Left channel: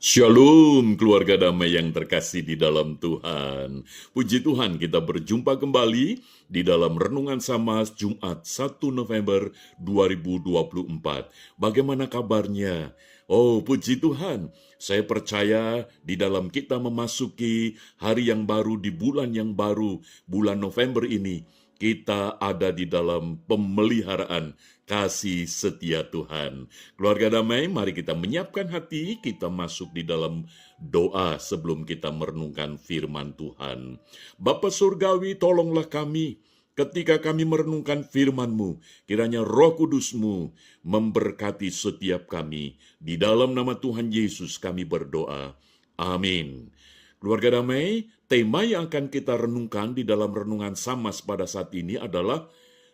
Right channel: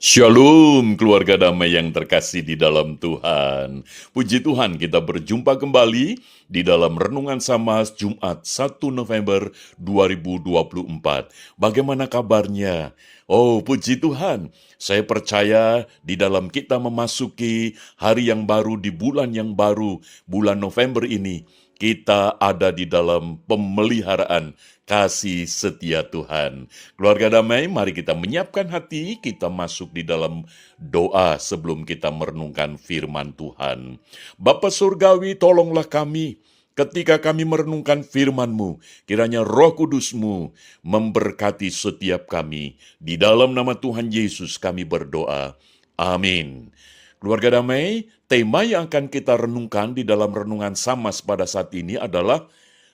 Shalom keluarga damai yang terkasih di dalam Tuhan. Puji Tuhan kita berjumpa kembali di dalam Renungan Samas Jumat 1 November 2024. Bagaimana kabarnya? Oh puji Tuhan, saya percaya di dalam kita memasuki hari yang baru di bulan yang baru, bulan November ini, kita ada di dalam pemeliharaan kasih setia Tuhan. Keluarga damai, mari kita menyiapkan hati, kita masuk di dalam doa sebelum kita merenungkan firman Tuhan. Bapa Surgawi, tolonglah kami ketika kami merenungkan firman-Mu. Kiranya Roh Kudus-Mu memberkati setiap kami. Di dalam nama Tuhan Yesus kami berdoa. Amin. Keluarga damai, tema yang akan kita renungkan di dalam renungan Samas pada saat ini adalah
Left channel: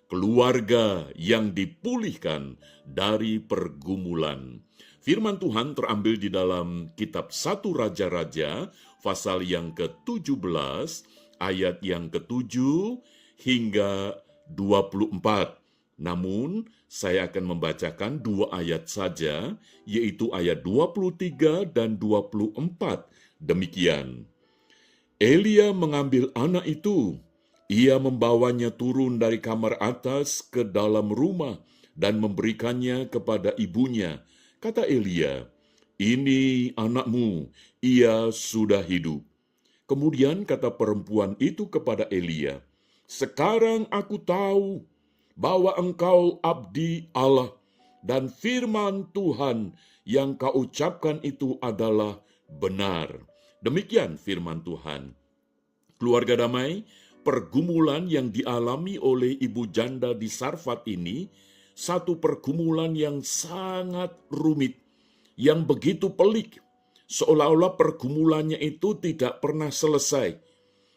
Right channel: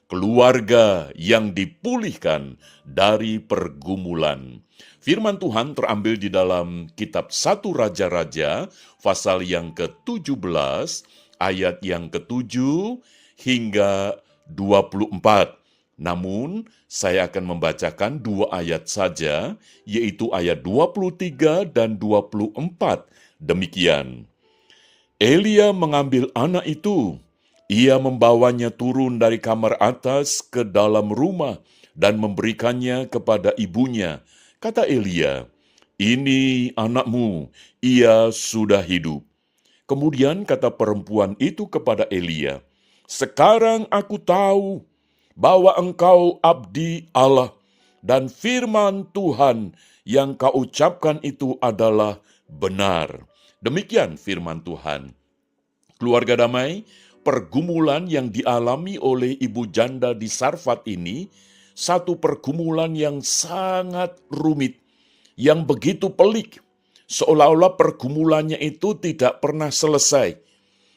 keluarga yang dipulihkan dari pergumulan. Firman Tuhan terambil di dalam kitab 1 Raja-Raja, pasal yang ke-17, ayat yang ke-7 hingga 24. Namun, saya akan membacakan dua ayat saja, yaitu ayat 23 dan 24. Demikian. Elia mengambil anak itu. Ia membawanya turun dari kamar atas ke dalam rumah dan memberikannya kepada ibunya. Kata Elia, "Ini anakmu, ia sudah hidup." Kemudian kata perempuan itu kepada Elia, "Sekarang aku tahu bahwa engkau abdi Allah dan firman Tuhan yang kau ucapkan itu adalah benar." Demikian firman Tuhan. Keluarga damai, pergumulan yang dialami oleh ibu janda di Sarfat ini, satu pergumulan yang sangat rumit, yang begitu pelik, seolah-olah pergumulannya itu tidak pernah selesai.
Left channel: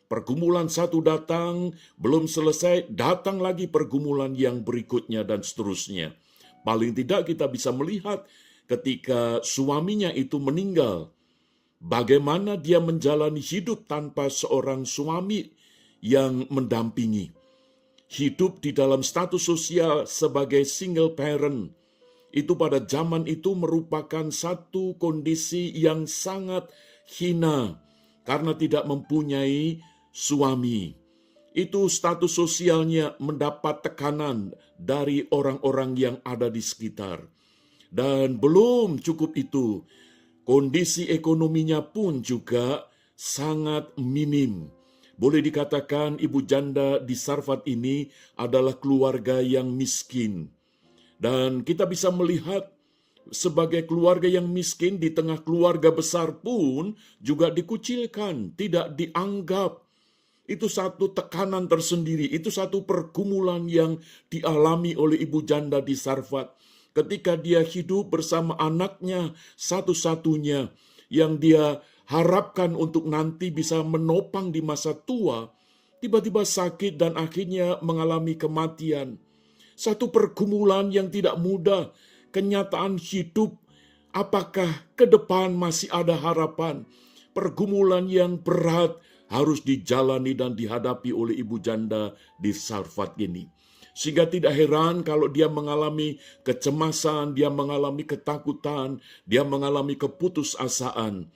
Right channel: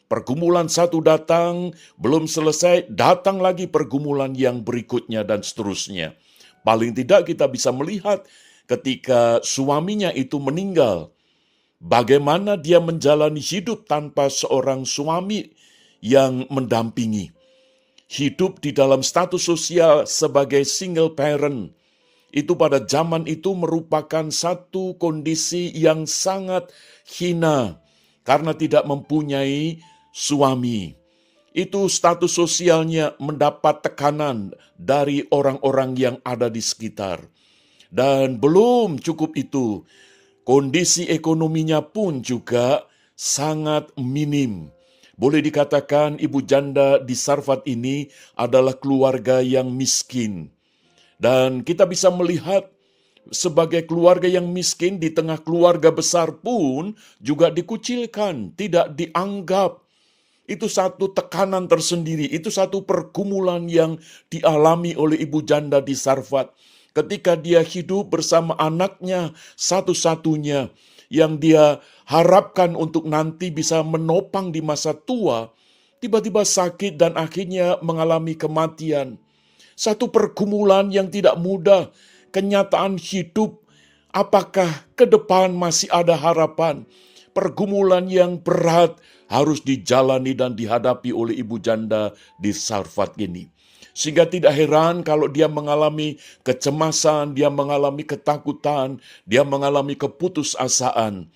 Pergumulan satu datang, belum selesai, datang lagi pergumulan yang berikutnya dan seterusnya. Paling tidak kita bisa melihat ketika suaminya itu meninggal, bagaimana dia menjalani hidup tanpa seorang suami yang mendampingi. Hidup di dalam status sosial sebagai single parent, itu pada zaman itu merupakan satu kondisi yang sangat hina karena tidak mempunyai suami. Itu status sosialnya mendapat tekanan dari orang-orang yang ada di sekitar. Dan belum cukup itu, kondisi ekonominya pun juga sangat minim. Boleh dikatakan ibu janda di Sarfat ini adalah keluarga yang miskin. Dan kita bisa melihat sebagai keluarga yang miskin di tengah keluarga besar pun juga dikucilkan, tidak dianggap. Itu satu tekanan tersendiri, itu satu pergumulan yang dialami oleh ibu janda di Sarfat. Ketika dia hidup bersama anaknya satu-satunya yang dia harapkan untuk nanti bisa menopang di masa tua, tiba-tiba sakit dan akhirnya mengalami kematian. Satu pergumulan yang tidak mudah, kenyataan hidup, apakah ke depan masih ada harapan? Pergumulan yang berat harus dijalani dan dihadapi oleh ibu janda di Sarfat ini. Sehingga tidak heran kalau dia mengalami kecemasan, dia mengalami ketakutan, dia mengalami keputusasaan.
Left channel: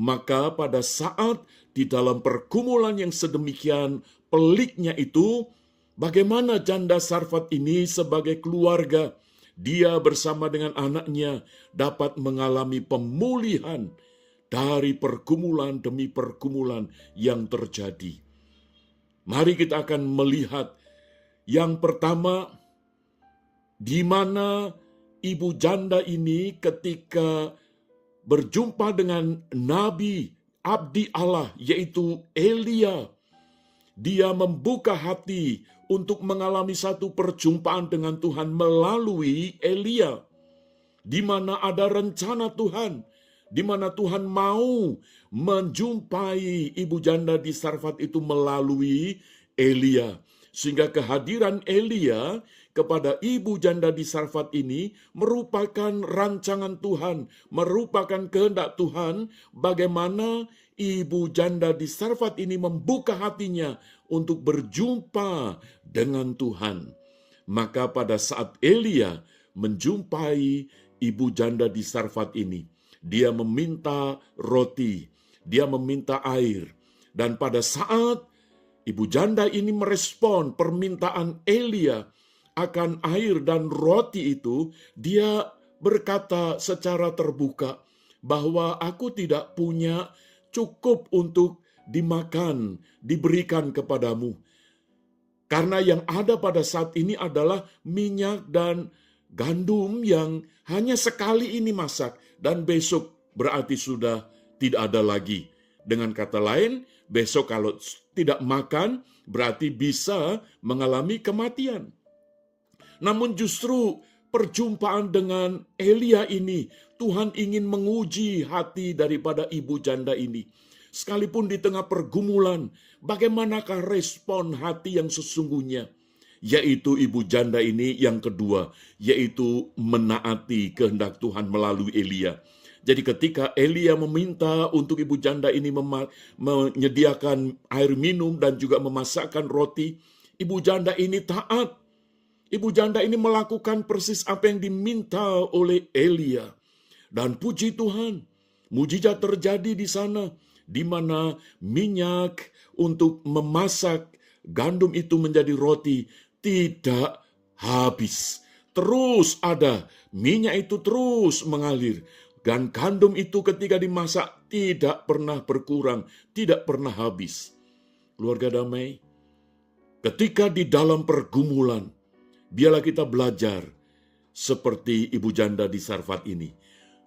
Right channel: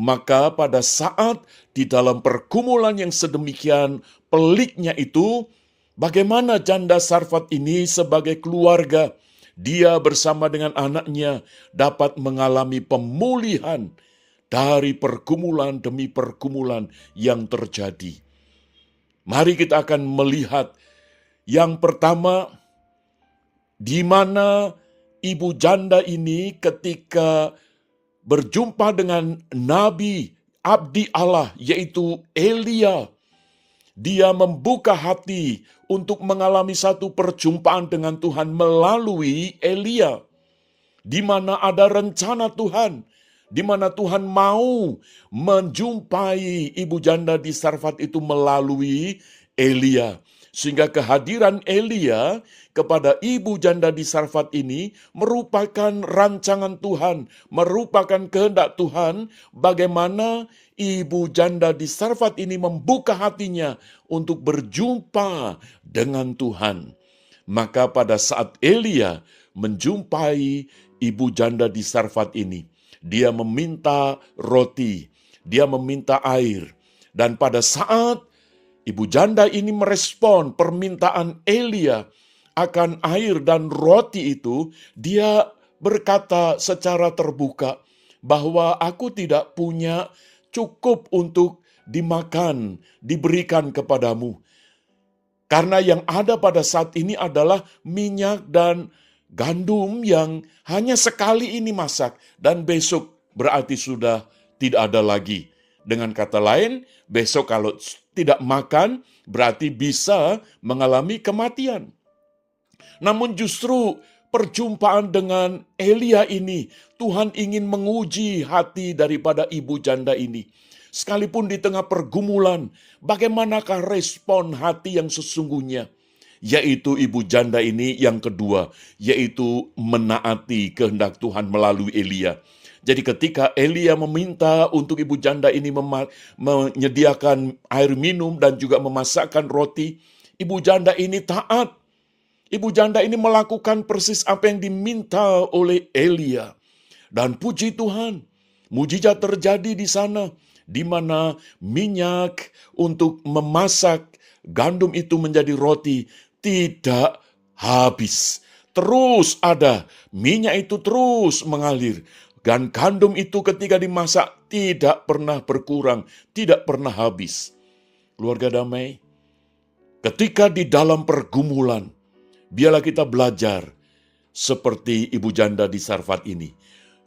Maka pada saat di dalam pergumulan yang sedemikian peliknya itu, bagaimana janda Sarfat ini sebagai keluarga, dia bersama dengan anaknya dapat mengalami pemulihan dari pergumulan demi pergumulan yang terjadi. Mari kita akan melihat yang pertama, di mana ibu janda ini ketika berjumpa dengan Nabi abdi Allah yaitu Elia, dia membuka hati untuk mengalami satu perjumpaan dengan Tuhan melalui Elia, di mana ada rencana Tuhan, di mana Tuhan mau menjumpai ibu janda di Sarfat itu melalui Elia. Sehingga kehadiran Elia kepada ibu janda di Sarfat ini merupakan rancangan Tuhan, merupakan kehendak Tuhan bagaimana ibu janda di Sarfat ini membuka hatinya untuk berjumpa dengan Tuhan. Maka pada saat Elia menjumpai ibu janda di Sarfat ini, dia meminta roti, dia meminta air. Dan pada saat ibu janda ini merespon permintaan Elia akan air dan roti itu, dia berkata secara terbuka bahwa aku tidak punya cukup untuk dimakan, diberikan kepadamu. Karena yang ada pada saat ini adalah minyak dan gandum yang hanya sekali ini masak dan besok berarti sudah tidak ada lagi. Dengan kata lain, besok kalau tidak makan berarti bisa mengalami kematian. Namun justru perjumpaan dengan Elia ini, Tuhan ingin menguji hati daripada ibu janda ini. Sekalipun di tengah pergumulan, bagaimanakah respon hati yang sesungguhnya? Yaitu ibu janda ini yang kedua, yaitu menaati kehendak Tuhan melalui Elia. Jadi ketika Elia meminta untuk ibu janda ini menyediakan air minum dan juga memasakkan roti, ibu janda ini taat. Ibu janda ini melakukan persis apa yang diminta oleh Elia. Dan puji Tuhan, mujizat terjadi di sana, di mana minyak untuk memasak gandum itu menjadi roti tidak habis. Terus ada, minyak itu terus mengalir. Dan gandum itu ketika dimasak tidak pernah berkurang, tidak pernah habis. Keluarga damai, ketika di dalam pergumulan, biarlah kita belajar seperti ibu janda di Sarfat ini.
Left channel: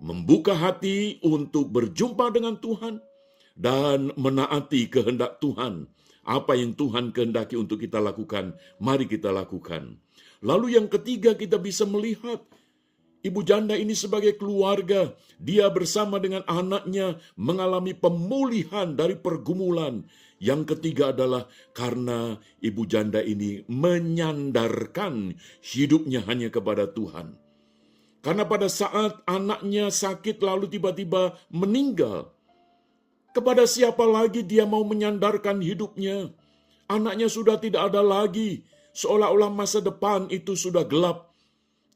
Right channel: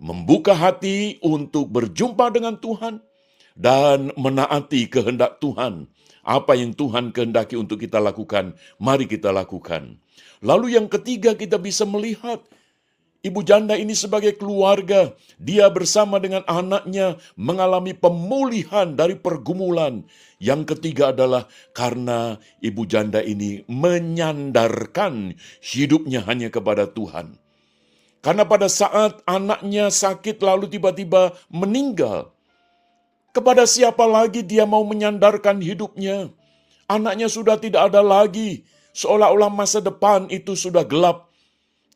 Membuka hati untuk berjumpa dengan Tuhan dan menaati kehendak Tuhan. Apa yang Tuhan kehendaki untuk kita lakukan, mari kita lakukan. Lalu yang ketiga, kita bisa melihat ibu janda ini sebagai keluarga. Dia bersama dengan anaknya mengalami pemulihan dari pergumulan. Yang ketiga adalah karena ibu janda ini menyandarkan hidupnya hanya kepada Tuhan. Karena pada saat anaknya sakit lalu tiba-tiba meninggal, kepada siapa lagi dia mau menyandarkan hidupnya? Anaknya sudah tidak ada lagi, seolah-olah masa depan itu sudah gelap.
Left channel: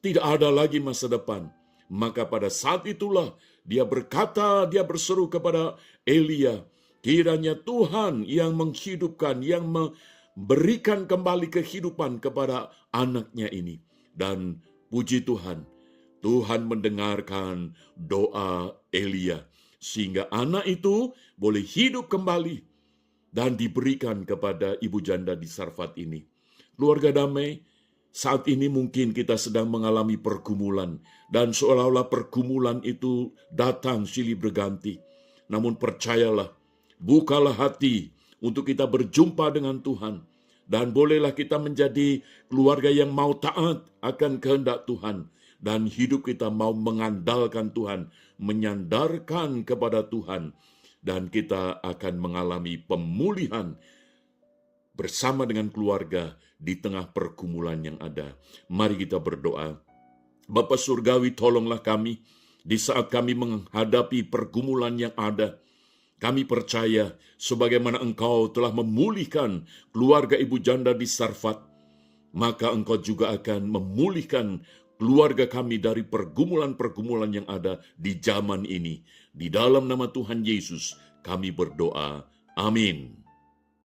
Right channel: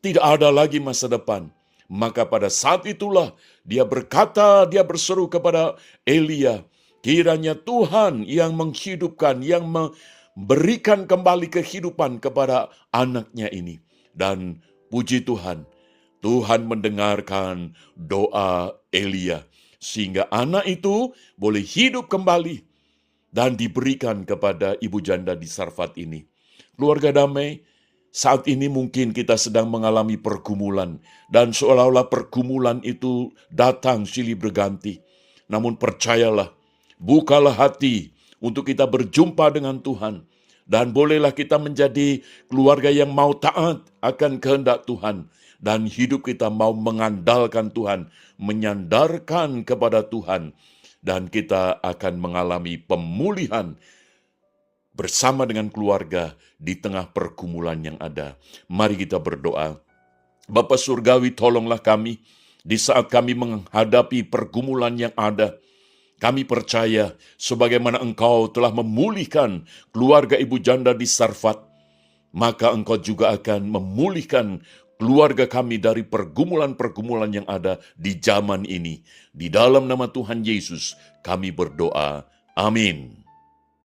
Tidak ada lagi masa depan. Maka pada saat itulah dia berkata, dia berseru kepada Elia, kiranya Tuhan yang menghidupkan, yang memberikan kembali kehidupan kepada anaknya ini. Dan puji Tuhan, Tuhan mendengarkan doa Elia, sehingga anak itu boleh hidup kembali dan diberikan kepada ibu janda di Sarfat ini. Keluarga damai, saat ini mungkin kita sedang mengalami pergumulan, dan seolah-olah pergumulan itu datang silih berganti. Namun percayalah, bukalah hati untuk kita berjumpa dengan Tuhan, dan bolehlah kita menjadi keluarga yang mau taat akan kehendak Tuhan, dan hidup kita mau mengandalkan Tuhan, menyandarkan kepada Tuhan, dan kita akan mengalami pemulihan bersama dengan keluarga di tengah pergumulan yang ada. Mari kita berdoa. Bapa Surgawi, tolonglah kami di saat kami menghadapi pergumulan yang ada. Kami percaya sebagaimana Engkau telah memulihkan keluarga ibu janda di Sarfat, maka Engkau juga akan memulihkan keluarga kami dari pergumulan-pergumulan yang ada di zaman ini. Di dalam nama Tuhan Yesus kami berdoa. Amin.